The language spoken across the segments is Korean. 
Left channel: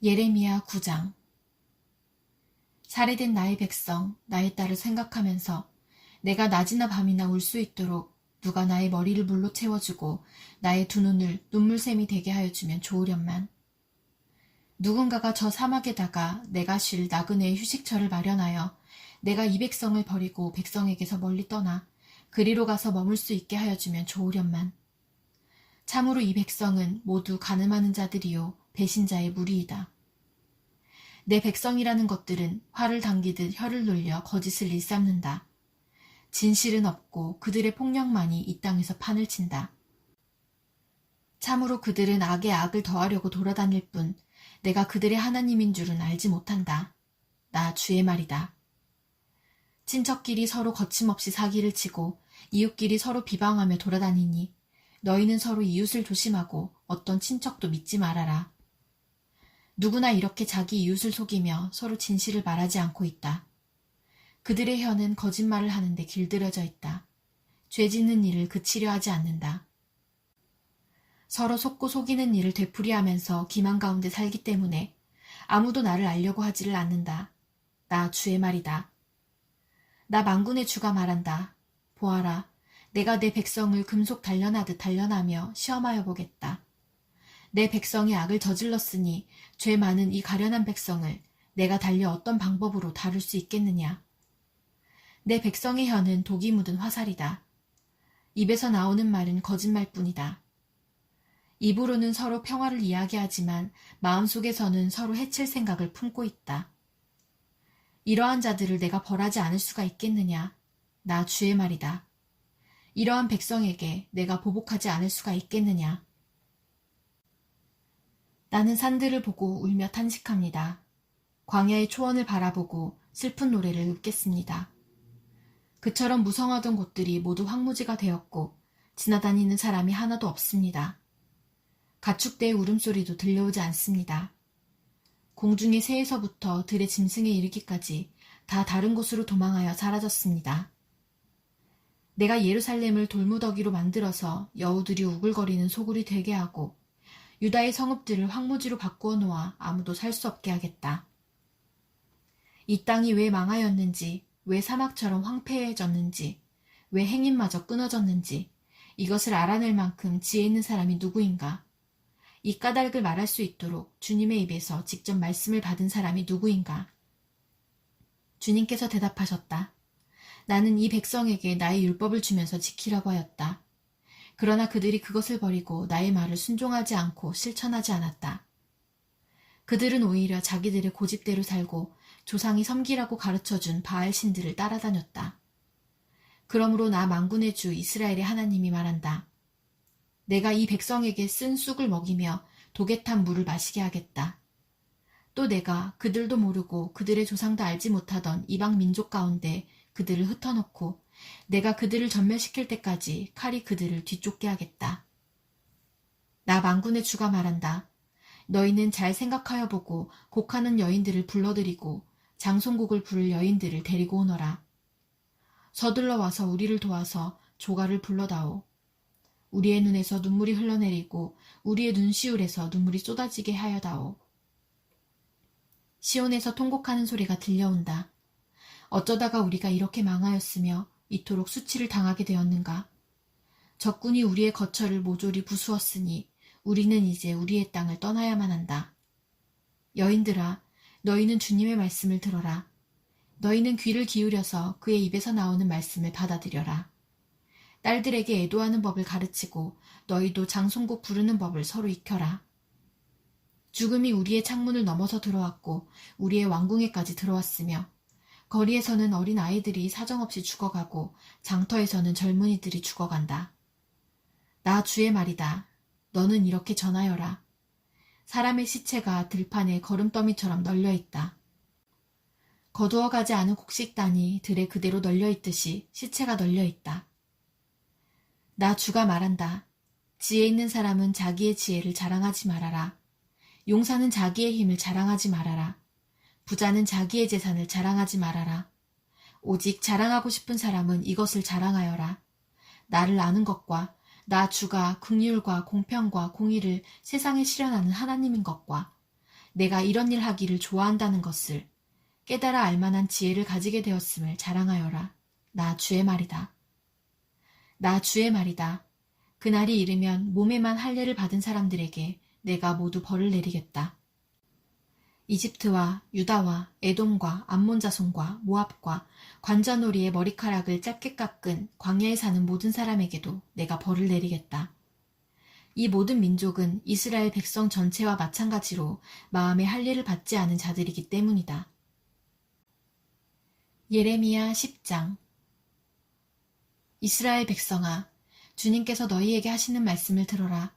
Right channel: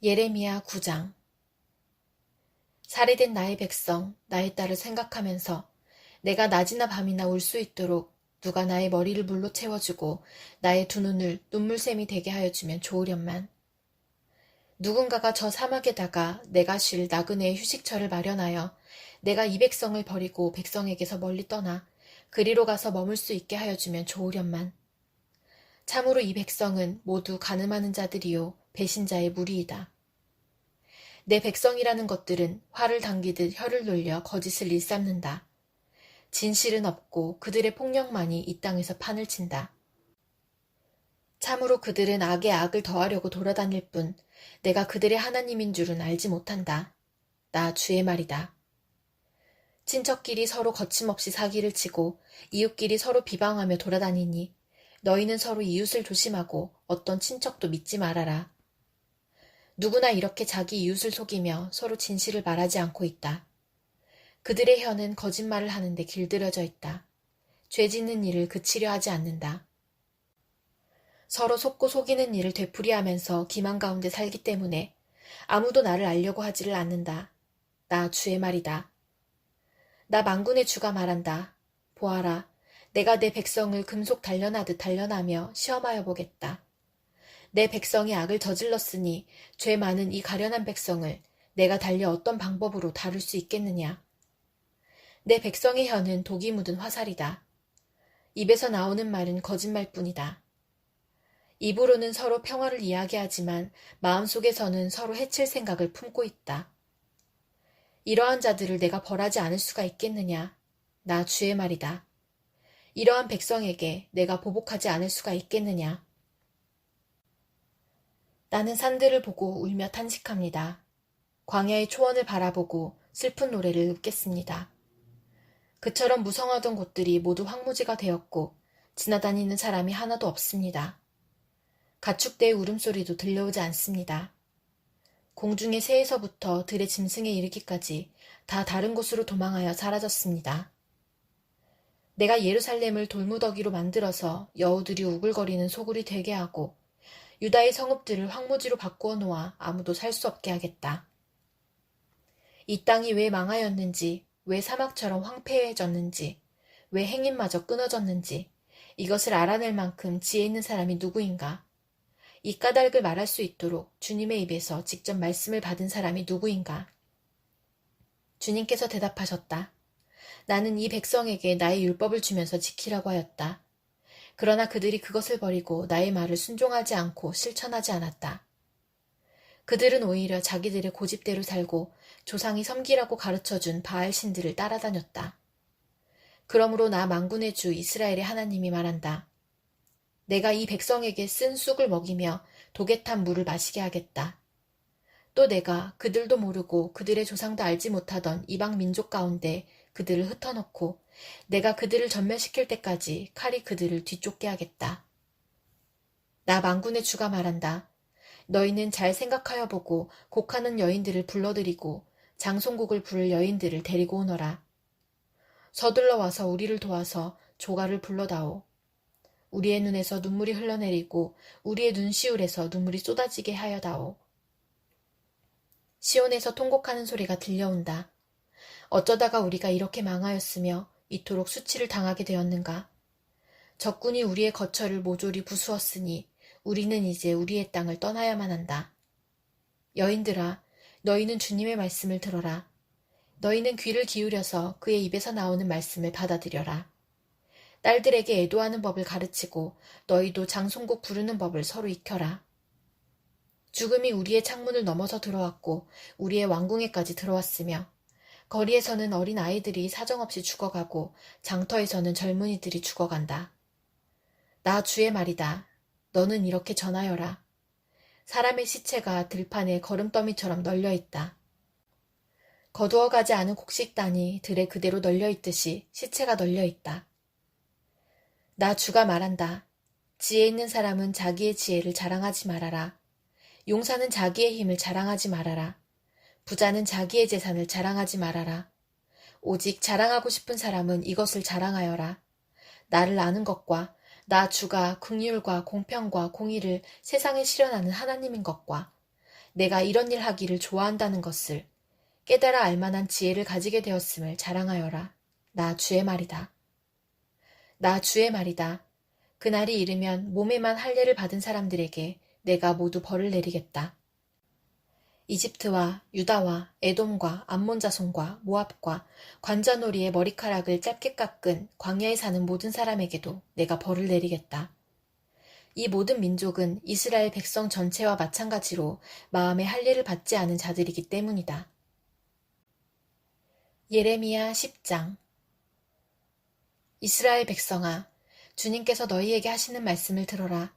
예레미야 9장. 살해된 나의 백성, 나의 딸을 생각하면서 내가 낮이나 밤이나 울 수 있도록 누가 나의 머리를 물로 채워주고 나의 두 눈을 눈물샘이 되게 하여 주면 좋으련만. 누군가가 저 사막에다가 내가 쉴 나그네의 휴식처를 마련하여 내가 이 백성을 버리고 백성에게서 멀리 떠나 그리로 가서 머물 수 있게 하여 주면 좋으련만. 참으로 이 백성은 모두 가늠하는 자들이요 배신자의 무리이다. 내 백성이라는 것들은 화를 당기듯 혀를 놀려 거짓을 일삼는다. 진실은 없고 그들의 폭력만이 이 땅에서 판을 친다. 참으로 그들은 악에 악을 더하려고 돌아다닐 뿐 내가 그들의 하나님인 줄은 알지 못한다. 나 주의 말이다. 친척끼리 서로 거침없이 사기를 치고 이웃끼리 서로 비방하며 돌아다니니 너희는 서로 이웃을 조심하고 어떤 친척도 믿지 말아라. 누구나 이렇게 자기 이웃을 속이며 서로 진실을 말하지 않고 있다. 그들의 혀는 거짓말을 하는데 길들여져 있다. 죄 짓는 일을 그치려 하지 않는다. 서로 속고 속이는 일을 되풀이하면서 기만 가운데 살기 때문에 아무도 나를 알려고 하지를 않는다. 나 주의 말이다. 나 만군의 주가 말한다. 보아라, 내가 내 백성을 금속 단련하듯 단련하며 시험하여 보겠다. 내 백성이 악을 저질렀으니 죄 많은 이 가련한 백성을 내가 달려 어떤 방법으로 다룰 수 있겠느냐. 내 백성의 혀는 독이 묻은 화살이다. 입에서 나오는 말은 거짓말뿐이다. 입으로는 서로 평화를 이야기하지만 마음속에서는 서로 해칠 생각을 품고 있다. 이러한 자들을 내가 벌하지 않을 수가 있겠느냐. 나 주의 말이다. 이러한 백성에게 내가 보복하지 않을 수가 있겠느냐. 나는 산들을 보고 울며 탄식합니다. 광야의 초원을 바라보고 슬픈 노래를 읊겠습니다. 그처럼 무성하던 곳들이 모두 황무지가 되었고 지나다니는 사람이 하나도 없습니다. 가축대의 울음소리도 들려오지 않습니다. 공중의 새에서부터 들의 짐승에 이르기까지 다 다른 곳으로 도망하여 사라졌습니다. 내가 예루살렘을 돌무더기로 만들어서 여우들이 우글거리는 소굴이 되게 하고 유다의 성읍들을 황무지로 바꾸어 놓아 아무도 살 수 없게 하겠다. 이 땅이 왜 망하였는지, 왜 사막처럼 황폐해졌는지, 왜 행인마저 끊어졌는지 이것을 알아낼 만큼 지혜 있는 사람이 누구인가? 이 까닭을 말할 수 있도록 주님의 입에서 직접 말씀을 받은 사람이 누구인가? 주님께서 대답하셨다. 나는 이 백성에게 나의 율법을 주면서 지키라고 하였다. 그러나 그들이 그것을 버리고 나의 말을 순종하지 않고 실천하지 않았다. 그들은 오히려 자기들의 고집대로 살고 조상이 섬기라고 가르쳐준 바알 신들을 따라다녔다. 그러므로 나 만군의 주 이스라엘의 하나님이 말한다. 내가 이 백성에게 쓴 쑥을 먹이며 독에 탄 물을 마시게 하겠다. 또 내가 그들도 모르고 그들의 조상도 알지 못하던 이방 민족 가운데 그들을 흩어놓고 내가 그들을 전멸시킬 때까지 칼이 그들을 뒤쫓게 하겠다. 나 만군의 주가 말한다. 너희는 잘 생각하여 보고 곡하는 여인들을 불러들이고 장송곡을 부를 여인들을 데리고 오너라. 서둘러 와서 우리를 도와서 조가를 불러다오. 우리의 눈에서 눈물이 흘러내리고 우리의 눈시울에서 눈물이 쏟아지게 하여다오. 시온에서 통곡하는 소리가 들려온다. 어쩌다가 우리가 이렇게 망하였으며 이토록 수치를 당하게 되었는가. 적군이 우리의 거처를 모조리 부수었으니 우리는 이제 우리의 땅을 떠나야만 한다. 여인들아, 너희는 주님의 말씀을 들어라. 너희는 귀를 기울여서 그의 입에서 나오는 말씀을 받아들여라. 딸들에게 애도하는 법을 가르치고 너희도 장송곡 부르는 법을 서로 익혀라. 죽음이 우리의 창문을 넘어서 들어왔고 우리의 왕궁에까지 들어왔으며 거리에서는 어린 아이들이 사정없이 죽어가고 장터에서는 젊은이들이 죽어간다. 나 주의 말이다. 너는 이렇게 전하여라. 사람의 시체가 들판에 거름더미처럼 널려있다. 거두어가지 않은 곡식단이 들에 그대로 널려있듯이 시체가 널려있다. 나 주가 말한다. 지혜 있는 사람은 자기의 지혜를 자랑하지 말아라. 용사는 자기의 힘을 자랑하지 말아라. 부자는 자기의 재산을 자랑하지 말아라. 오직 자랑하고 싶은 사람은 이것을 자랑하여라. 나를 아는 것과 나 주가 긍휼과 공평과 공의를 세상에 실현하는 하나님인 것과 내가 이런 일 하기를 좋아한다는 것을 깨달아 알만한 지혜를 가지게 되었음을 자랑하여라. 나 주의 말이다. 나 주의 말이다. 그날이 이르면 몸에만 할례를 받은 사람들에게 내가 모두 벌을 내리겠다. 이집트와 유다와 에돔과 암몬 자손과 모압과 관자놀이의 머리카락을 짧게 깎은 광야에 사는 모든 사람에게도 내가 벌을 내리겠다. 이 모든 민족은 이스라엘 백성 전체와 마찬가지로 마음의 할례를 받지 않은 자들이기 때문이다. 예레미야 10장. 이스라엘 백성아, 주님께서 너희에게 하시는 말씀을 들어라.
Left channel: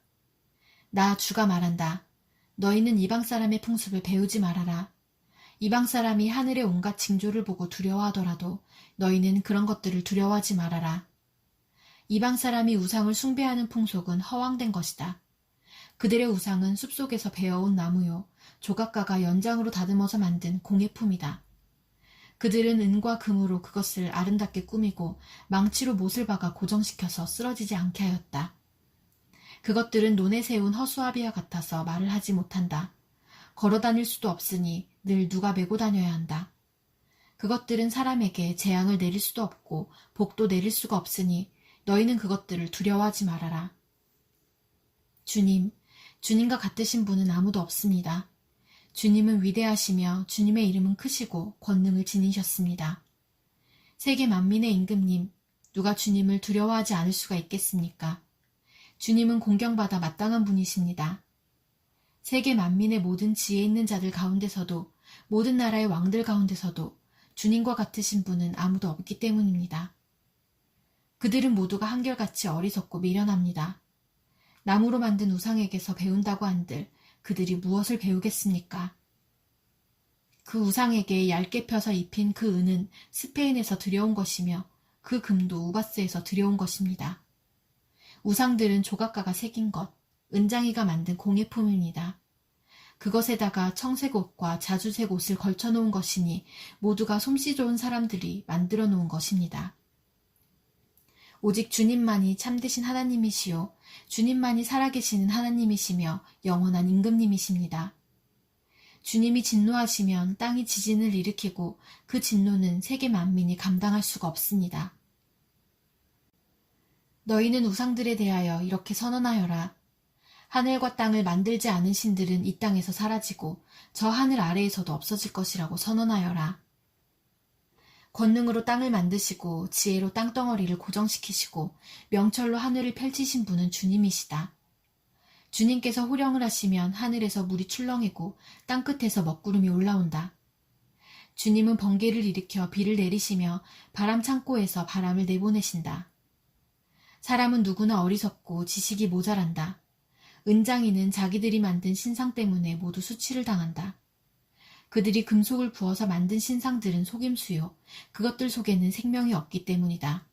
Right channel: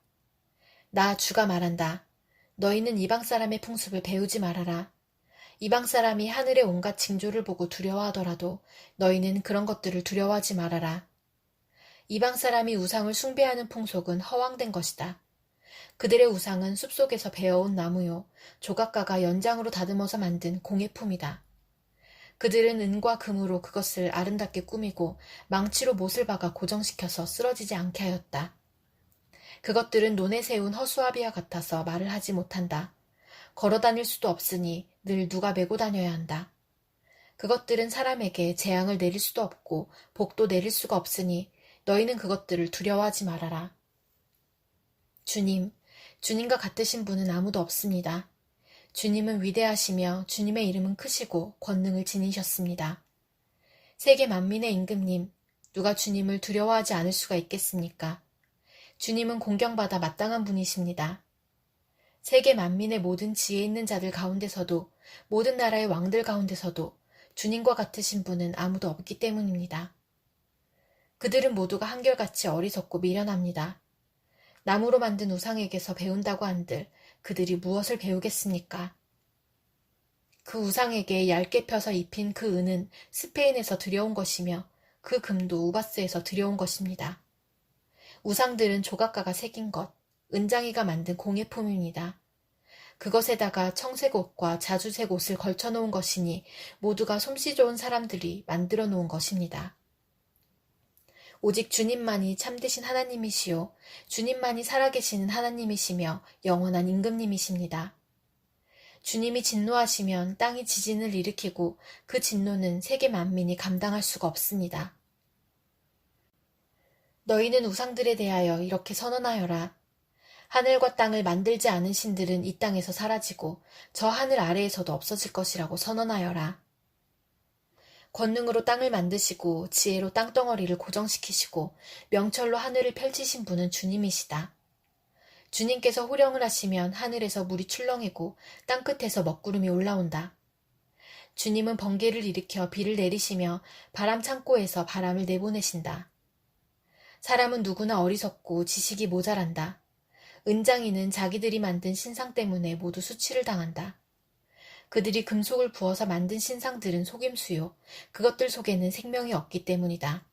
나 주가 말한다. 너희는 이방 사람의 풍습을 배우지 말아라. 이방 사람이 하늘의 온갖 징조를 보고 두려워하더라도 너희는 그런 것들을 두려워하지 말아라. 이방 사람이 우상을 숭배하는 풍속은 허황된 것이다. 그들의 우상은 숲속에서 베어온 나무요, 조각가가 연장으로 다듬어서 만든 공예품이다. 그들은 은과 금으로 그것을 아름답게 꾸미고 망치로 못을 박아 고정시켜서 쓰러지지 않게 하였다. 그것들은 논에 세운 허수아비와 같아서 말을 하지 못한다. 걸어다닐 수도 없으니 늘 누가 메고 다녀야 한다. 그것들은 사람에게 재앙을 내릴 수도 없고 복도 내릴 수가 없으니 너희는 그것들을 두려워하지 말아라. 주님과 같으신 분은 아무도 없습니다. 주님은 위대하시며 주님의 이름은 크시고 권능을 지니셨습니다. 세계 만민의 임금님, 누가 주님을 두려워하지 않을 수가 있겠습니까? 주님은 공경받아 마땅한 분이십니다. 세계 만민의 모든 지혜 있는 자들 가운데서도 모든 나라의 왕들 가운데서도 주님과 같으신 분은 아무도 없기 때문입니다. 그들은 모두가 한결같이 어리석고 미련합니다. 나무로 만든 우상에게서 배운다고 한들 그들이 무엇을 배우겠습니까? 그 우상에게 얇게 펴서 입힌 그 은은 스페인에서 들여온 것이며 그 금도 우바스에서 들여온 것입니다. 우상들은 조각가가 새긴 것, 은장이가 만든 공예품입니다. 그것에다가 청색 옷과 자주색 옷을 걸쳐놓은 것이니 모두가 솜씨 좋은 사람들이 만들어 놓은 것입니다. 오직 주님만이 참되신 하나님이시요 주님만이 살아계시는 하나님이시며 영원한 임금님이십니다. 주님이 진노하시면 땅이 지진을 일으키고 그 진노는 세계 만민이 감당할 수가 없습니다. 너희는 우상들에 대하여 이렇게 선언하여라. 하늘과 땅을 만들지 않은 신들은 이 땅에서 사라지고 저 하늘 아래에서도 없어질 것이라고 선언하여라. 권능으로 땅을 만드시고 지혜로 땅덩어리를 고정시키시고 명철로 하늘을 펼치신 분은 주님이시다. 주님께서 호령을 하시면 하늘에서 물이 출렁이고 땅끝에서 먹구름이 올라온다. 주님은 번개를 일으켜 비를 내리시며 바람 창고에서 바람을 내보내신다. 사람은 누구나 어리석고 지식이 모자란다. 은장이는 자기들이 만든 신상 때문에 모두 수치를 당한다. 그들이 금속을 부어서 만든 신상들은 속임수요. 그것들 속에는 생명이 없기 때문이다.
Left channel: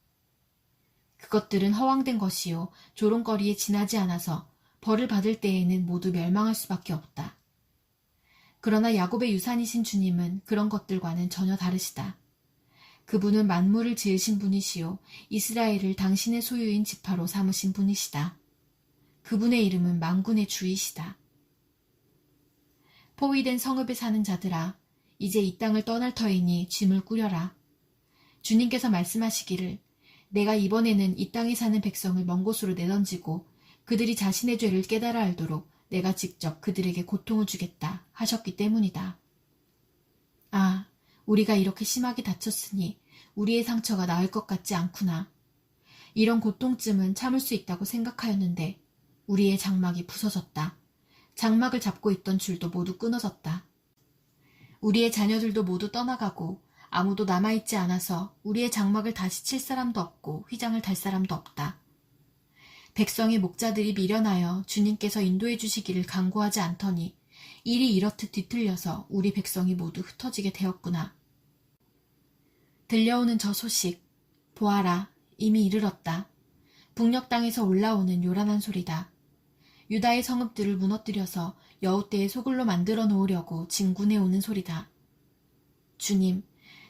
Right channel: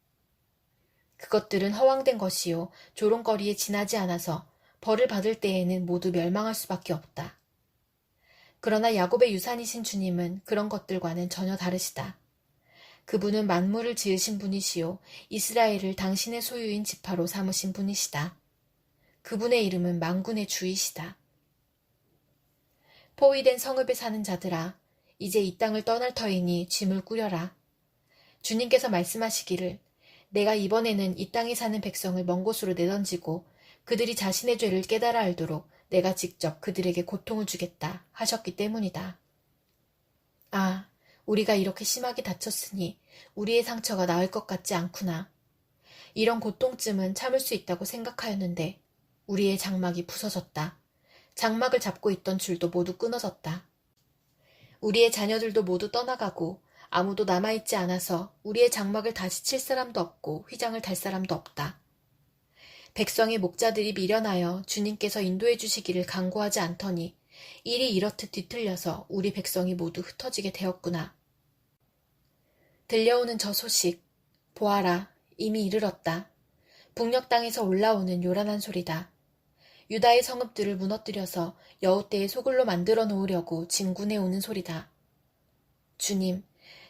그것들은 허황된 것이요. 조롱거리에 지나지 않아서 벌을 받을 때에는 모두 멸망할 수밖에 없다. 그러나 야곱의 유산이신 주님은 그런 것들과는 전혀 다르시다. 그분은 만물을 지으신 분이시요. 이스라엘을 당신의 소유인 지파로 삼으신 분이시다. 그분의 이름은 만군의 주이시다. 포위된 성읍에 사는 자들아, 이제 이 땅을 떠날 터이니 짐을 꾸려라. 주님께서 말씀하시기를 내가 이번에는 이 땅에 사는 백성을 먼 곳으로 내던지고 그들이 자신의 죄를 깨달아 알도록 내가 직접 그들에게 고통을 주겠다 하셨기 때문이다. 아, 우리가 이렇게 심하게 다쳤으니 우리의 상처가 나을 것 같지 않구나. 이런 고통쯤은 참을 수 있다고 생각하였는데 우리의 장막이 부서졌다. 장막을 잡고 있던 줄도 모두 끊어졌다. 우리의 자녀들도 모두 떠나가고 아무도 남아있지 않아서 우리의 장막을 다시 칠 사람도 없고 휘장을 달 사람도 없다. 백성의 목자들이 미련하여 주님께서 인도해 주시기를 간구하지 않더니 일이 이렇듯 뒤틀려서 우리 백성이 모두 흩어지게 되었구나. 들려오는 저 소식, 보아라, 이미 이르렀다. 북녘 땅에서 올라오는 요란한 소리다. 유다의 성읍들을 무너뜨려서 여우떼의 소굴로 만들어 놓으려고 진군해 오는 소리다. 주님,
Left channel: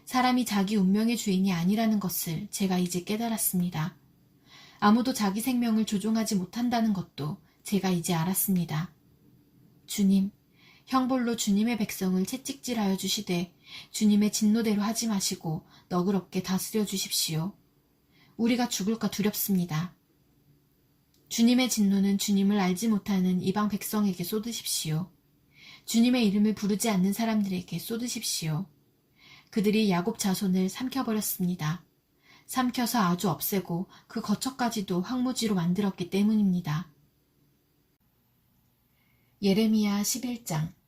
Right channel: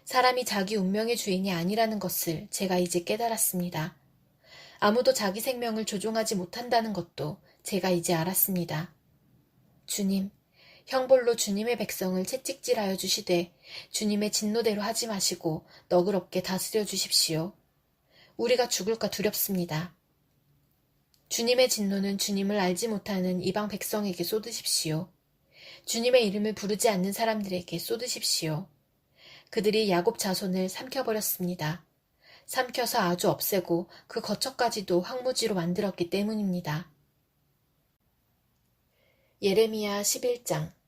사람이 자기 운명의 주인이 아니라는 것을 제가 이제 깨달았습니다. 아무도 자기 생명을 조종하지 못한다는 것도 제가 이제 알았습니다. 주님, 형벌로 주님의 백성을 채찍질하여 주시되 주님의 진노대로 하지 마시고 너그럽게 다스려 주십시오. 우리가 죽을까 두렵습니다. 주님의 진노는 주님을 알지 못하는 이방 백성에게 쏟으십시오. 주님의 이름을 부르지 않는 사람들에게 쏟으십시오. 그들이 야곱 자손을 삼켜버렸습니다. 삼켜서 아주 없애고 그 거처까지도 황무지로 만들었기 때문입니다. 예레미야 11장.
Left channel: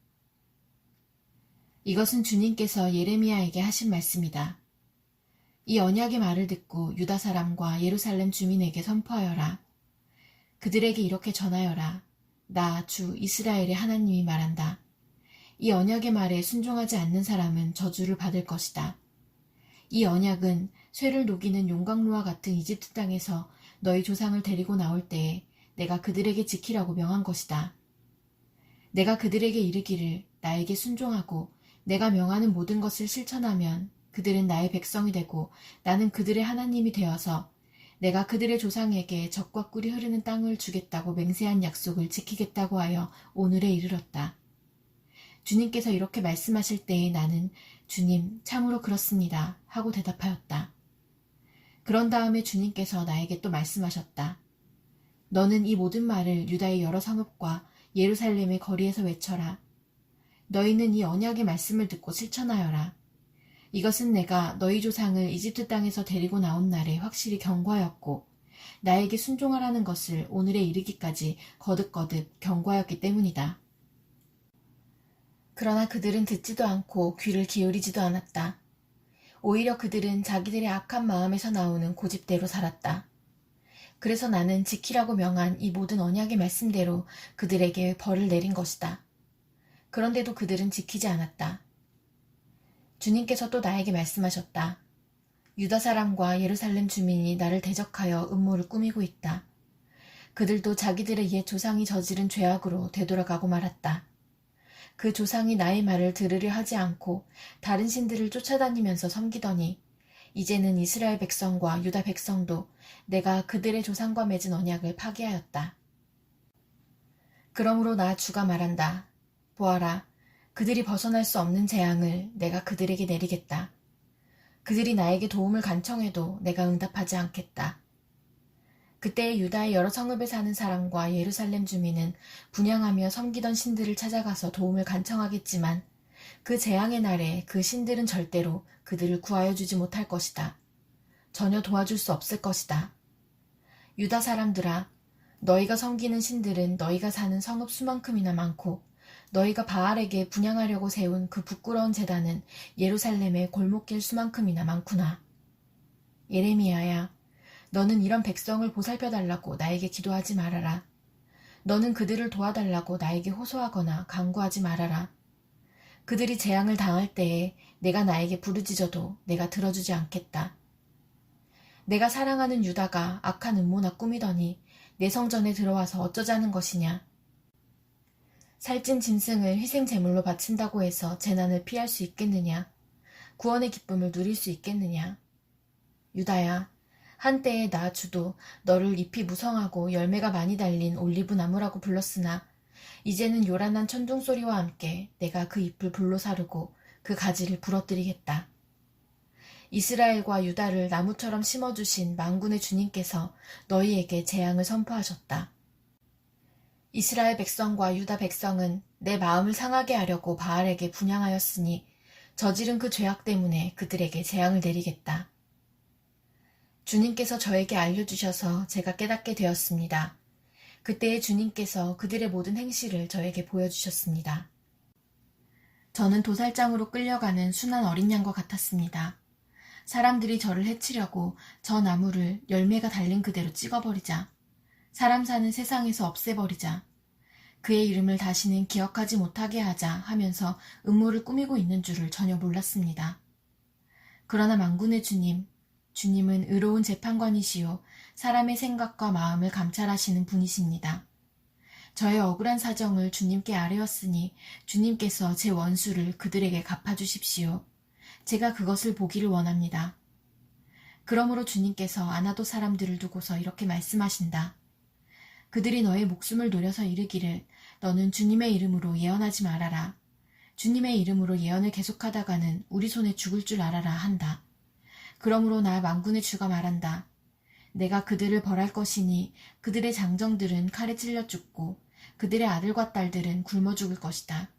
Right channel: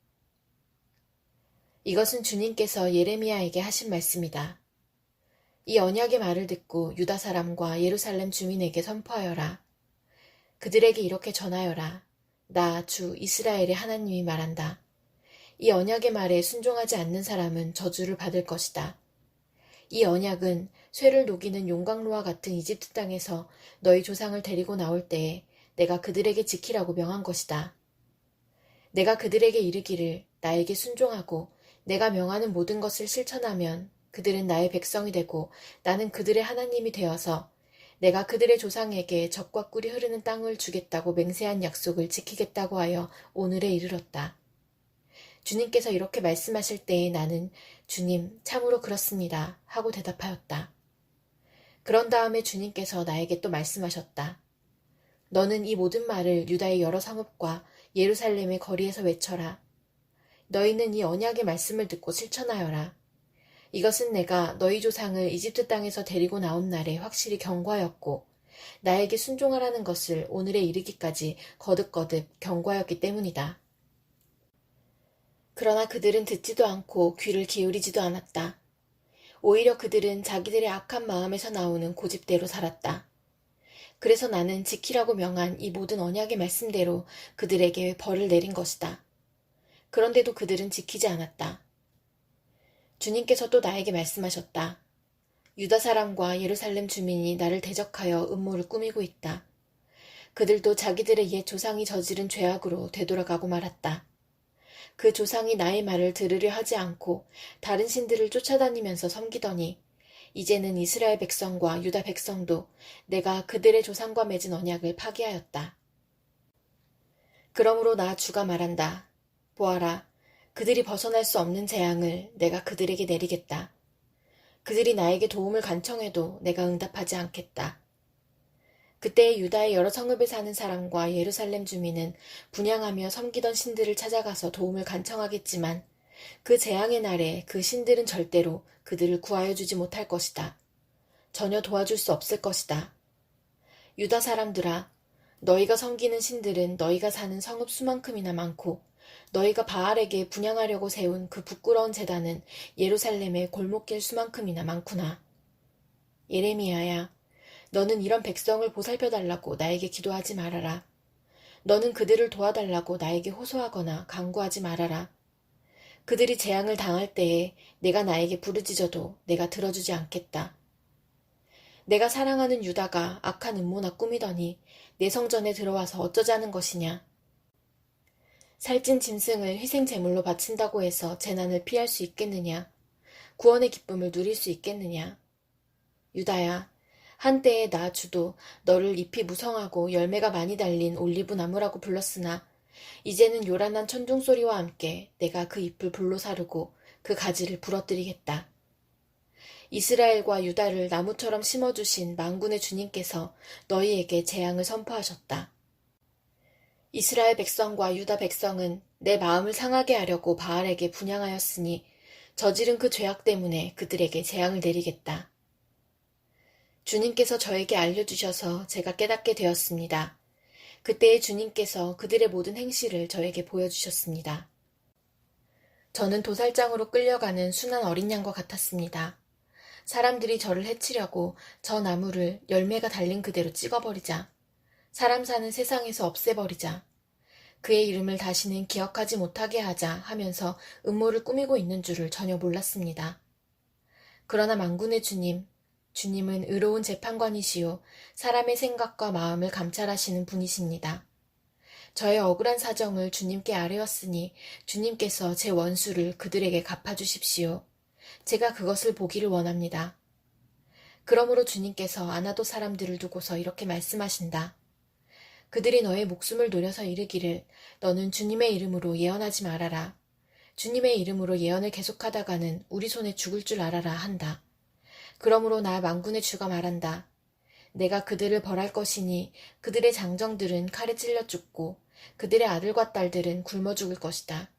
이것은 주님께서 예레미야에게 하신 말씀이다. 이 언약의 말을 듣고 유다 사람과 예루살렘 주민에게 선포하여라. 그들에게 이렇게 전하여라. 나 주 이스라엘의 하나님이 말한다. 이 언약의 말에 순종하지 않는 사람은 저주를 받을 것이다. 이 언약은 쇠를 녹이는 용광로와 같은 이집트 땅에서 너희 조상을 데리고 나올 때에 내가 그들에게 지키라고 명한 것이다. 내가 그들에게 이르기를 나에게 순종하고 내가 명하는 모든 것을 실천하면 그들은 나의 백성이 되고 나는 그들의 하나님이 되어서 내가 그들의 조상에게 젖과 꿀이 흐르는 땅을 주겠다고 맹세한 약속을 지키겠다고 하여 오늘에 이르렀다. 주님께서 이렇게 말씀하실 때에 나는 주님 참으로 그렇습니다 하고 대답하였다. 그런 다음에 주님께서 나에게 또 말씀하셨다. 너는 이 모든 말을 유다의 여러 성읍과 예루살렘의 거리에서 외쳐라. 너희는 이 언약의 말씀을 듣고 실천하여라. 이것은 내가 너희 조상을 이집트 땅에서 데리고 나온 날에 확실히 경고하였고 나에게 순종하라는 것을 오늘에 이르기까지 거듭거듭 경고하였기 때문이다. 그러나 그들은 듣지도 않고 귀를 기울이지도 않았다. 오히려 그들은 자기들의 악한 마음에서 나오는 고집대로 살았다. 그래서 나는 지키라고 명한 이 모든 언약의 말씀대로 그들에게 벌을 내린 것이다. 그런데도 그들은 지키지 않았다. 주님께서 또 나에게 말씀하셨다. 유다 사람과 예루살렘 주민이 나를 대적하여 음모를 꾸미고 있다. 그들도 자기들의 옛 조상이 저지른 죄악으로 되돌아가고 말았다. 그 조상이 나의 말을 들으려 하지 않고 다른 신들을 쫓아다니면서 섬기더니 이제는 이스라엘 백성과 유다 백성도 내가 그들의 조상과 맺은 언약을 파기하였다. 그러므로 나 주가 말한다. 보아라, 그들이 벗어날 수 없는 재앙을 내가 그들에게 내리겠다. 그들이 나에게 도움을 간청해도 내가 응답하지 않겠다. 그때 유다의 여러 성읍에 사는 사람과 예루살렘 주민은 분향하며 섬기던 신들을 찾아가서 도움을 간청하겠지만 그 재앙의 날에 그 신들은 절대로 그들을 구하여 주지 못할 것이다. 전혀 도와줄 수 없을 것이다. 유다 사람들아, 너희가 섬기는 신들은 너희가 사는 성읍 수만큼이나 많고 너희가 바알에게 분향하려고 세운 그 부끄러운 제단은 예루살렘의 골목길 수만큼이나 많구나. 예레미야야, 너는 이런 백성을 보살펴달라고 나에게 기도하지 말아라. 너는 그들을 도와달라고 나에게 호소하거나 간구하지 말아라. 그들이 재앙을 당할 때에 내가 나에게 부르짖어도 내가 들어주지 않겠다. 내가 사랑하는 유다가 악한 음모나 꾸미더니 내 성전에 들어와서 어쩌자는 것이냐. 살찐 짐승을 희생 제물로 바친다고 해서 재난을 피할 수 있겠느냐. 구원의 기쁨을 누릴 수 있겠느냐. 유다야, 한때에 나 주도 너를 잎이 무성하고 열매가 많이 달린 올리브 나무라고 불렀으나 이제는 요란한 천둥 소리와 함께 내가 그 잎을 불로 사르고 그 가지를 부러뜨리겠다. 이스라엘과 유다를 나무처럼 심어주신 만군의 주님께서 너희에게 재앙을 선포하셨다. 이스라엘 백성과 유다 백성은 내 마음을 상하게 하려고 바알에게 분향하였으니 저지른 그 죄악 때문에 그들에게 재앙을 내리겠다. 주님께서 저에게 알려주셔서 제가 깨닫게 되었습니다. 그때에 주님께서 그들의 모든 행실을 저에게 보여주셨습니다. 저는 도살장으로 끌려가는 순한 어린 양과 같았습니다. 사람들이 저를 해치려고 저 나무를 열매가 달린 그대로 찍어버리자, 사람 사는 세상에서 없애버리자, 그의 이름을 다시는 기억하지 못하게 하자 하면서 음모를 꾸미고 있는 줄을 전혀 몰랐습니다. 그러나 만군의 주님은 의로운 재판관이시요 사람의 생각과 마음을 감찰하시는 분이십니다. 저의 억울한 사정을 주님께 아뢰었으니 주님께서 제 원수를 그들에게 갚아주십시오. 제가 그것을 보기를 원합니다. 그러므로 주님께서 아나도 사람들을 두고서 이렇게 말씀하신다. 그들이 너의 목숨을 노려서 이르기를 너는 주님의 이름으로 예언하지 말아라. 주님의 이름으로 예언을 계속하다가는 우리 손에 죽을 줄 알아라 한다. 그러므로 나 만군의 주가 말한다. 내가 그들을 벌할 것이니 그들의 장정들은 칼에 찔려 죽고 그들의 아들과 딸들은 굶어 죽을 것이다.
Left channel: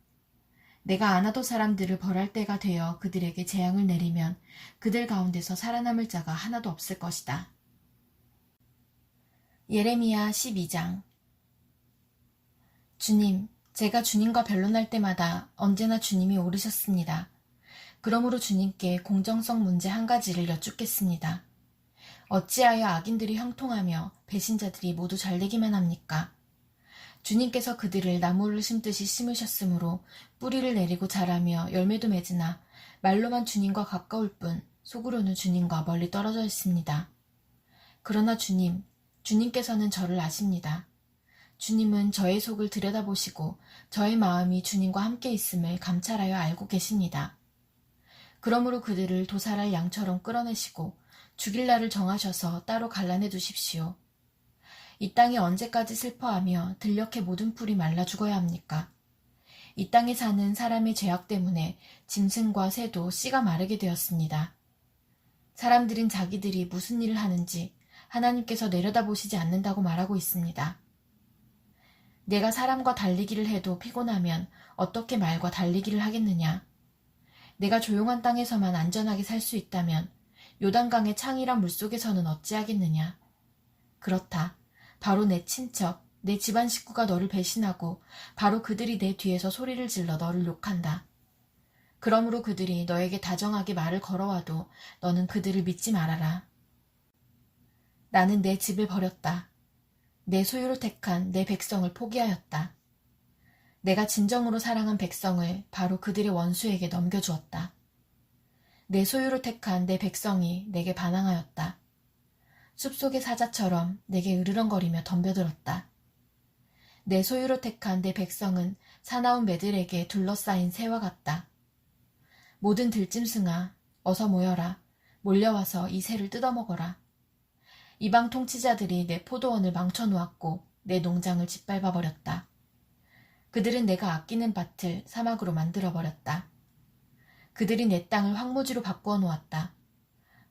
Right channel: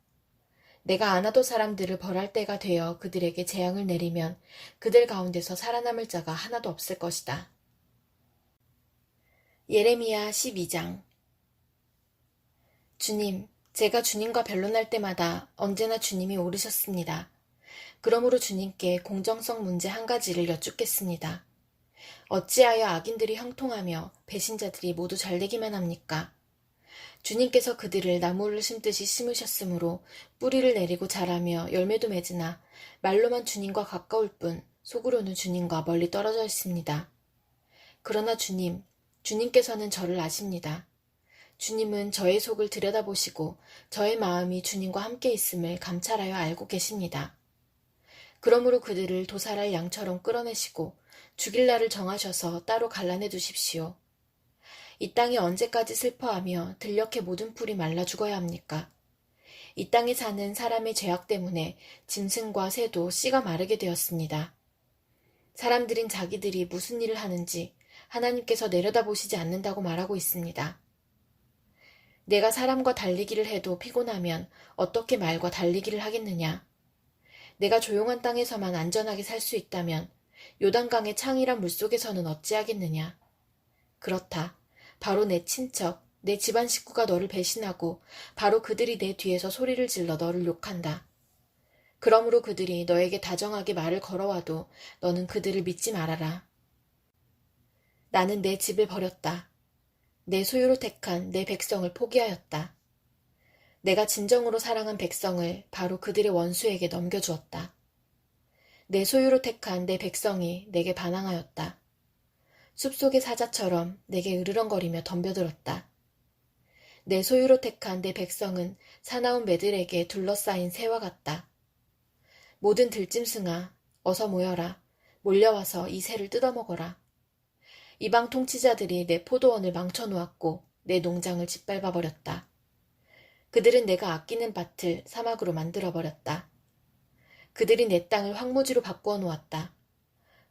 내가 아나도 사람들을 벌할 때가 되어 그들에게 재앙을 내리면 그들 가운데서 살아남을 자가 하나도 없을 것이다. 예레미야 12장. 주님, 제가 주님과 변론할 때마다 언제나 주님이 옳으셨습니다. 그러므로 주님께 공정성 문제 한 가지를 여쭙겠습니다. 어찌하여 악인들이 형통하며 배신자들이 모두 잘되기만 합니까? 주님께서 그들을 나무를 심듯이 심으셨으므로 뿌리를 내리고 자라며 열매도 맺으나 말로만 주님과 가까울 뿐 속으로는 주님과 멀리 떨어져 있습니다. 그러나 주님께서는 저를 아십니다. 주님은 저의 속을 들여다보시고 저의 마음이 주님과 함께 있음을 감찰하여 알고 계십니다. 그러므로 그들을 도살할 양처럼 끌어내시고 죽일 날을 정하셔서 따로 갈라내 두십시오. 이 땅이 언제까지 슬퍼하며 들녘의 모든 풀이 말라 죽어야 합니까? 이 땅에 사는 사람의 죄악 때문에 짐승과 새도 씨가 마르게 되었습니다. 사람들인 자기들이 무슨 일을 하는지 하나님께서 내려다보시지 않는다고 말하고 있습니다. 내가 사람과 달리기를 해도 피곤하면 어떻게 말과 달리기를 하겠느냐? 내가 조용한 땅에서만 안전하게 살 수 있다면 요단강의 창이란 물속에서는 어찌하겠느냐? 그렇다. 바로 내 친척, 내 집안 식구가 너를 배신하고 바로 그들이 내 뒤에서 소리를 질러 너를 욕한다. 그러므로 그들이 너에게 다정하게 말을 걸어와도 너는 그들을 믿지 말아라. 나는 내 집을 버렸다. 내 소유로 택한 내 백성을 포기하였다. 내가 진정으로 사랑한 백성을 바로 그들의 원수에게 넘겨주었다. 내 소유로 택한 내 백성이 내게 반항하였다. 숲속의 사자처럼 내게 으르렁거리며 덤벼들었다. 내 소유로 택한 내 백성은 사나운 매들에게 둘러싸인 새와 같다. 모든 들짐승아, 어서 모여라. 몰려와서 이 새를 뜯어먹어라. 이방 통치자들이 내 포도원을 망쳐놓았고 내 농장을 짓밟아버렸다. 그들은 내가 아끼는 밭을 사막으로 만들어버렸다. 그들이 내 땅을 황무지로 바꾸어 놓았다.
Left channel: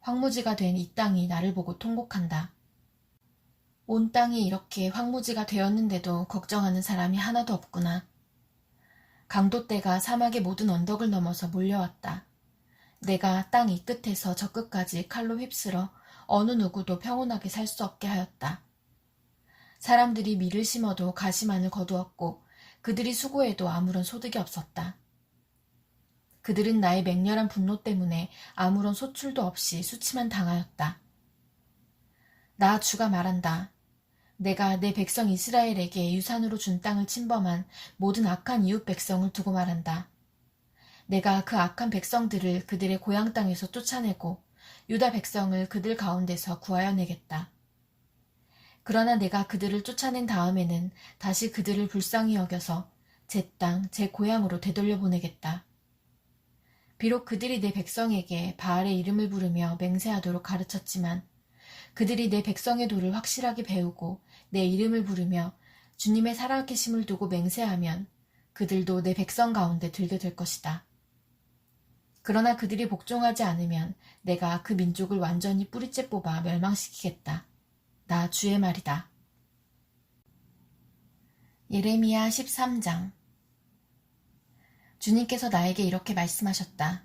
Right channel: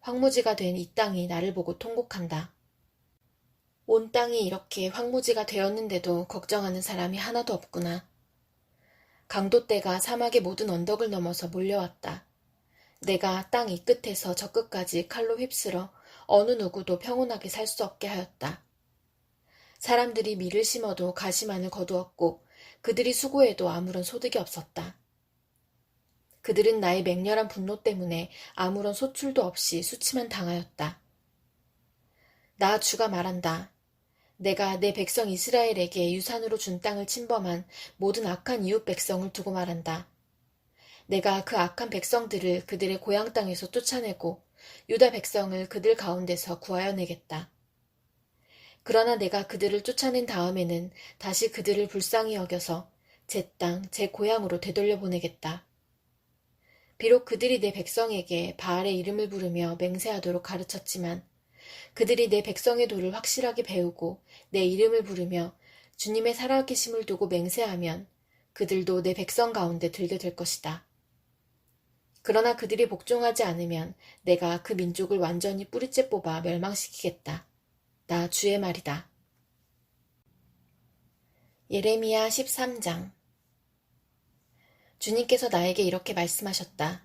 황무지가 된 이 땅이 나를 보고 통곡한다. 온 땅이 이렇게 황무지가 되었는데도 걱정하는 사람이 하나도 없구나. 강도떼가 사막의 모든 언덕을 넘어서 몰려왔다. 내가 땅 이 끝에서 저 끝까지 칼로 휩쓸어 어느 누구도 평온하게 살 수 없게 하였다. 사람들이 밀을 심어도 가시만을 거두었고 그들이 수고해도 아무런 소득이 없었다. 그들은 나의 맹렬한 분노 때문에 아무런 소출도 없이 수치만 당하였다. 나 주가 말한다. 내가 내 백성 이스라엘에게 유산으로 준 땅을 침범한 모든 악한 이웃 백성을 두고 말한다. 내가 그 악한 백성들을 그들의 고향 땅에서 쫓아내고 유다 백성을 그들 가운데서 구하여 내겠다. 그러나 내가 그들을 쫓아낸 다음에는 다시 그들을 불쌍히 여겨서 제 땅, 제 고향으로 되돌려 보내겠다. 비록 그들이 내 백성에게 바알의 이름을 부르며 맹세하도록 가르쳤지만 그들이 내 백성의 도를 확실하게 배우고 내 이름을 부르며 주님의 살아계심을 두고 맹세하면 그들도 내 백성 가운데 들게 될 것이다. 그러나 그들이 복종하지 않으면 내가 그 민족을 완전히 뿌리째 뽑아 멸망시키겠다. 나 주의 말이다. 예레미야 13장. 주님께서 나에게 이렇게 말씀하셨다.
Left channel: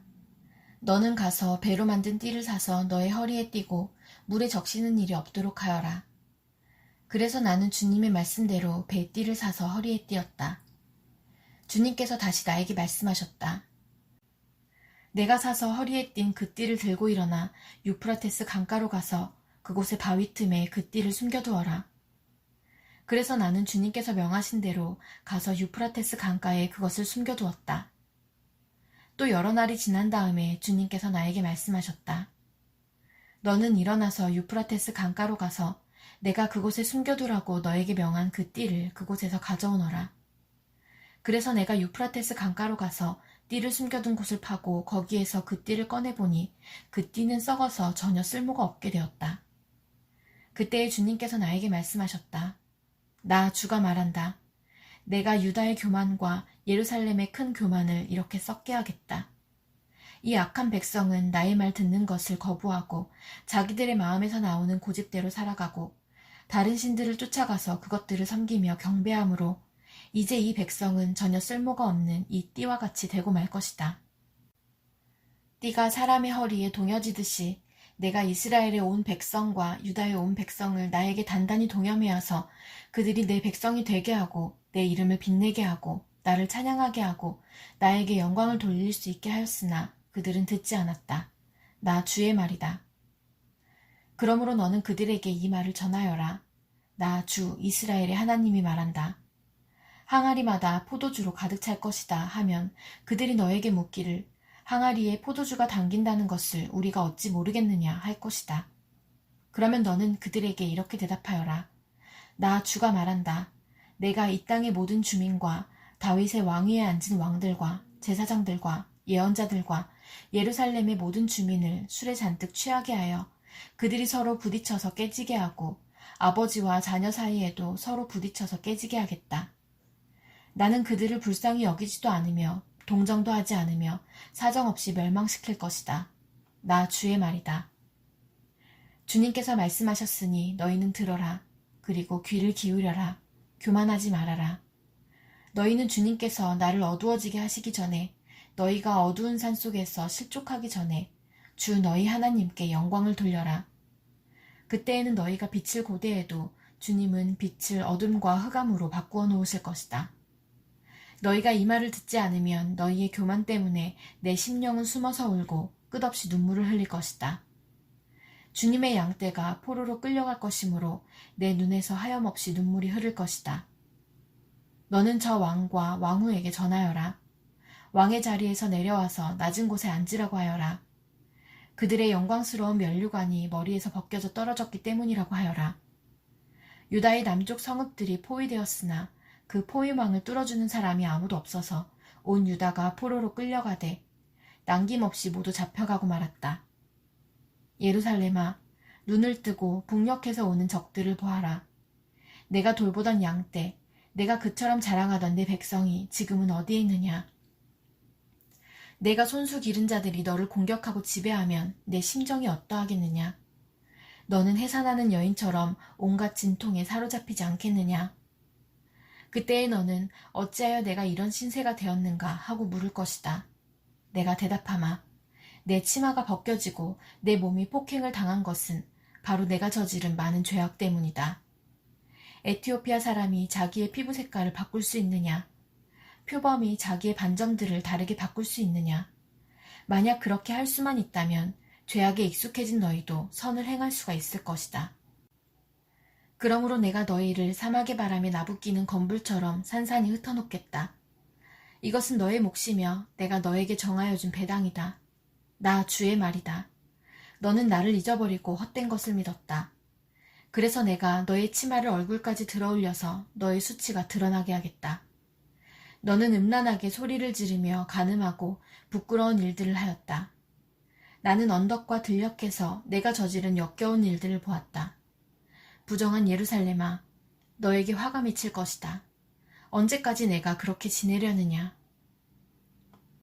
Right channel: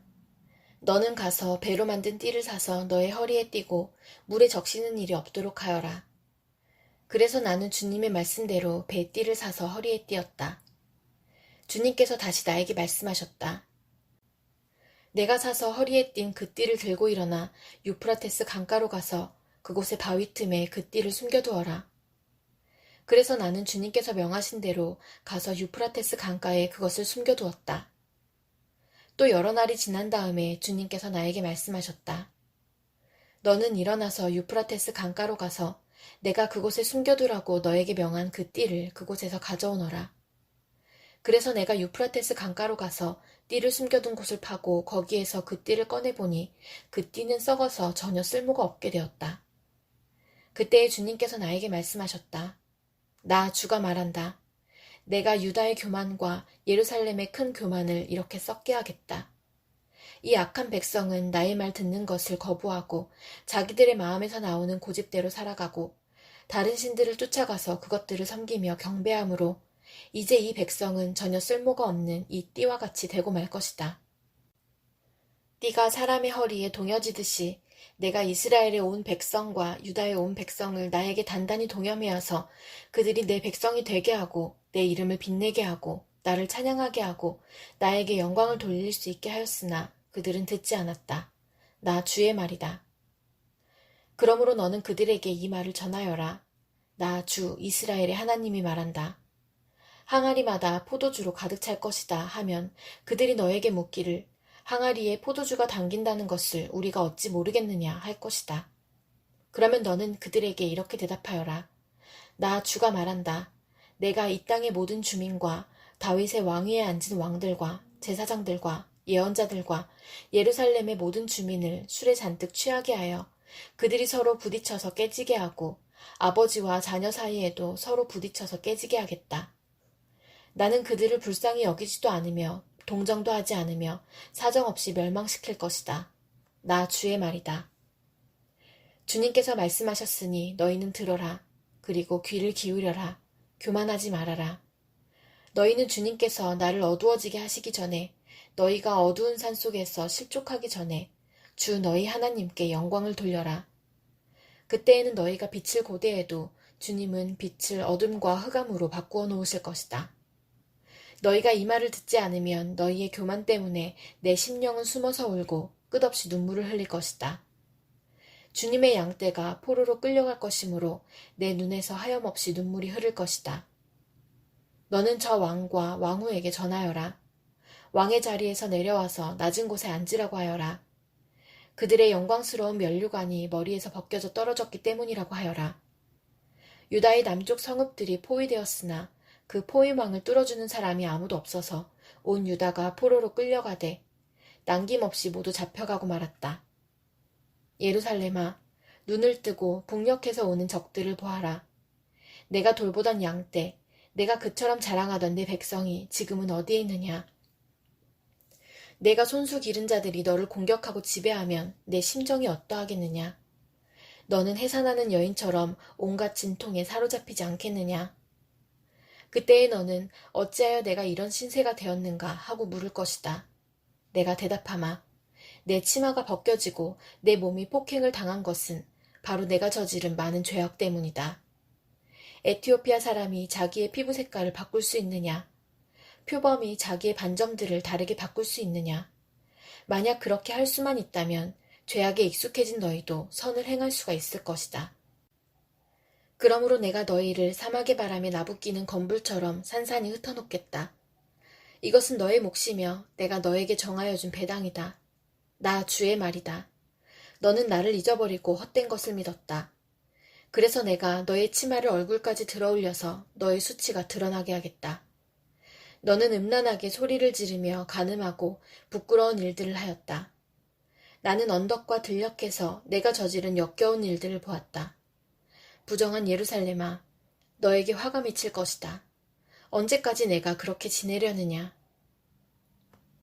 너는 가서 배로 만든 띠를 사서 너의 허리에 띠고 물에 적시는 일이 없도록 하여라. 그래서 나는 주님의 말씀대로 배 띠를 사서 허리에 띠었다. 주님께서 다시 나에게 말씀하셨다. 내가 사서 허리에 띈 그 띠를 들고 일어나 유프라테스 강가로 가서 그곳의 바위 틈에 그 띠를 숨겨두어라. 그래서 나는 주님께서 명하신 대로 가서 유프라테스 강가에 그것을 숨겨두었다. 또 여러 날이 지난 다음에 주님께서 나에게 말씀하셨다. 너는 일어나서 유프라테스 강가로 가서 내가 그곳에 숨겨두라고 너에게 명한 그 띠를 그곳에서 가져오너라. 그래서 내가 유프라테스 강가로 가서 띠를 숨겨둔 곳을 파고 거기에서 그 띠를 꺼내보니 그 띠는 썩어서 전혀 쓸모가 없게 되었다. 그때에 주님께서 나에게 말씀하셨다. 나 주가 말한다. 내가 유다의 교만과 예루살렘의 큰 교만을 이렇게 썩게 하겠다. 이 악한 백성은 나의 말 듣는 것을 거부하고 자기들의 마음에서 나오는 고집대로 살아가고 다른 신들을 쫓아가서 그것들을 섬기며 경배함으로 이제 이 백성은 전혀 쓸모가 없는 이 띠와 같이 되고 말 것이다. 띠가 사람의 허리에 동여지듯이 내가 이스라엘에 온 백성과 유다에 온 백성을 나에게 단단히 동여매어서 그들이 내 백성이 되게 하고 내 이름을 빛내게 하고 나를 찬양하게 하고 나에게 영광을 돌릴 수 있게 하였으나 그들은 듣지 않았다. 나 주의 말이다. 그러므로 너는 그들에게 이 말을 전하여라. 나 주 이스라엘의 하나님이 말한다. 항아리마다 포도주로 가득 찰 것이다 하면 그들이 너에게 묻기를 항아리에 포도주가 담긴다는 것을 우리가 어찌 모르겠느냐 할 것이다. 그러면 너는 그들에게 이렇게 대답하여라. 나 주가 말한다. 내가 이 땅의 모든 주민과 다윗의 왕위에 앉은 왕들과 제사장들과 예언자들과 예루살렘의 모든 주민을 술에 잔뜩 취하게 하여 그들이 서로 부딪혀서 깨지게 하고 아버지와 자녀 사이에도 서로 부딪혀서 깨지게 하겠다. 나는 그들을 불쌍히 여기지도 않으며 동정도 하지 않으며 사정없이 멸망시킬 것이다. 나 주의 말이다. 주님께서 말씀하셨으니 너희는 들어라. 그리고 귀를 기울여라. 교만하지 말아라. 너희는 주님께서 나를 어두워지게 하시기 전에 너희가 어두운 산 속에서 실족하기 전에 주 너희 하나님께 영광을 돌려라. 그때에는 너희가 빛을 고대해도 주님은 빛을 어둠과 흑암으로 바꾸어 놓으실 것이다. 너희가 이 말을 듣지 않으면 너희의 교만 때문에 내 심령은 숨어서 울고 끝없이 눈물을 흘릴 것이다. 주님의 양떼가 포로로 끌려갈 것이므로 내 눈에서 하염없이 눈물이 흐를 것이다. 너는 저 왕과 왕후에게 전하여라. 왕의 자리에서 내려와서 낮은 곳에 앉으라고 하여라. 그들의 영광스러운 면류관이 머리에서 벗겨져 떨어졌기 때문이라고 하여라. 유다의 남쪽 성읍들이 포위되었으나 그 포위망을 뚫어주는 사람이 아무도 없어서 온 유다가 포로로 끌려가되 남김없이 모두 잡혀가고 말았다. 예루살렘아, 눈을 뜨고 북녘에서 오는 적들을 보아라. 내가 돌보던 양떼, 내가 그처럼 자랑하던 내 백성이 지금은 어디에 있느냐? 내가 손수 기른 자들이 너를 공격하고 지배하면 내 심정이 어떠하겠느냐? 너는 해산하는 여인처럼 온갖 진통에 사로잡히지 않겠느냐? 그때에 너는 어찌하여 내가 이런 신세가 되었는가 하고 물을 것이다. 내가 대답하마. 내 치마가 벗겨지고 내 몸이 폭행을 당한 것은 바로 내가 저지른 많은 죄악 때문이다. 에티오피아 사람이 자기의 피부 색깔을 바꿀 수 있느냐? 표범이 자기의 반점들을 다르게 바꿀 수 있느냐? 만약 그렇게 할 수만 있다면 죄악에 익숙해진 너희도 선을 행할 수가 있을 것이다. 그러므로 내가 너희를 사막의 바람에 나부끼는 건불처럼 산산이 흩어놓겠다. 이것은 너의 몫이며 내가 너에게 정하여 준 배당이다. 나 주의 말이다. 너는 나를 잊어버리고 헛된 것을 믿었다. 그래서 내가 너의 치마를 얼굴까지 들어올려서 너의 수치가 드러나게 하겠다. 너는 음란하게 소리를 지르며 간음하고 부끄러운 일들을 하였다. 나는 언덕과 들녘에서 내가 저지른 역겨운 일들을 보았다. 부정한 예루살렘아, 너에게 화가 미칠 것이다. 언제까지 내가 그렇게 지내려느냐?